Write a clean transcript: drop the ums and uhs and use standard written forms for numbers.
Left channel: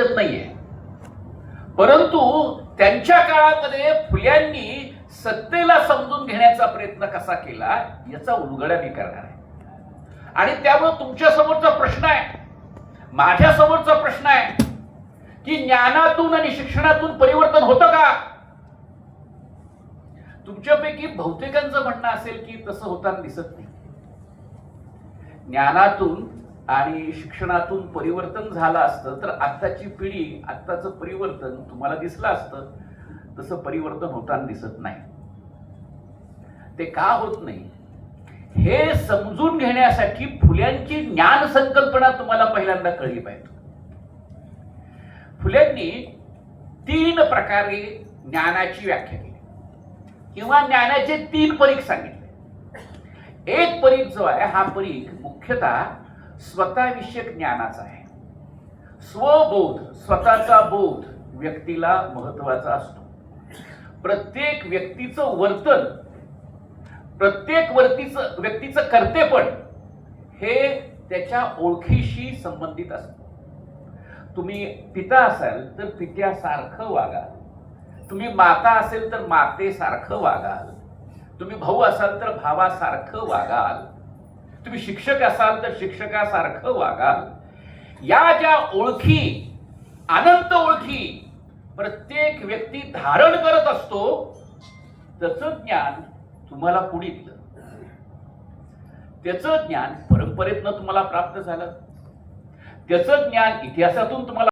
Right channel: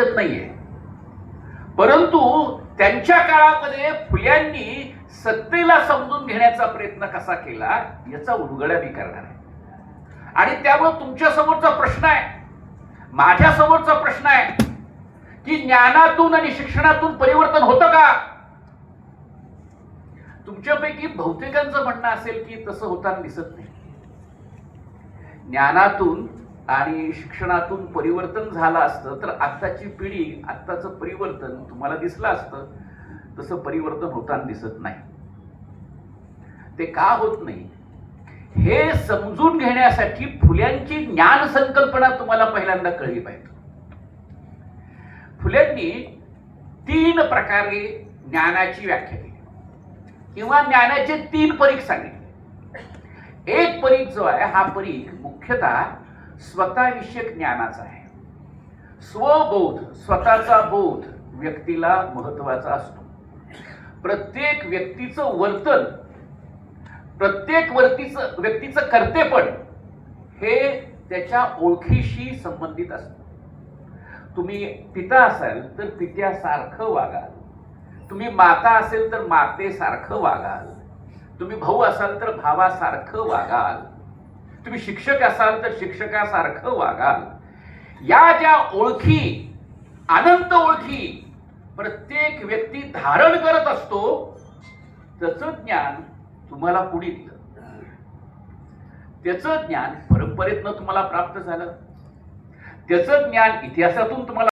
हरकत नाहीये, परंतु त्यांच्या काळामध्ये फुल्यांनी सत्तेला समजून घेण्याचा प्रयत्न कसा केला याचा उलगडा मी करणार आहे. आणि त्यामुळे तुमच्या समोरचा प्रश्न आहे, माझ्या समोरचा प्रश्न आहे की ज्ञानातून आणि शिक्षणातून परिवर्तन होतं का? तुमच्यापैकी बहुतेकांचं म्हणणं असेल की तसं होताना दिसत नाही. ज्ञानातून आणि शिक्षणातून परिवर्तन झालं असतं तर आत्ताची पिढी, आत्ताचं परिवर्तन तुम्हाला दिसलं असतं. तसं परिवर्तन होताना दिसत नाही. ते का होत नाही हे समजून घेण्यासाठी फुल्यांची ज्ञान संकल्पना तुम्हाला पहिल्यांदा कळली पाहिजे. फुल्यांनी 3 प्रकारे ज्ञानाची व्याख्या केली किंवा ज्ञानाचे 3 परीख सांगितले. एक परीख जो आहे हा परीख मुख्यतः स्वतःविषयक ज्ञानाचा आहे. स्वबोध, स्वतःचा बोध व्यक्तीला महत्वाचा असतो. प्रत्येक व्यक्तीचं वर्तन, प्रत्येक व्यक्तीचं कर्तेपण हे त्याच्या ओळखीशी संबंधित असतं. तुम्ही पिता असाल तर पित्यासारखं वागाल, तुम्ही माता असेल तर मातेसारखं वागाल, तुम्ही भाऊ असाल तर भावासारखं वागाल, तुम्ही शिक्षक असाल तर शिक्षकासारखं वागाल. या ज्या ओळखी, अनंत ओळखी प्रत्येक व्यक्ती धारण करत असतो, त्याचं ज्ञान तुम्हाला कुणी दिलं? त्याचं ज्ञान परंपरेतनं तुम्हाला प्राप्त झालं, त्याचं ज्ञान इतिहासातून तुम्हाला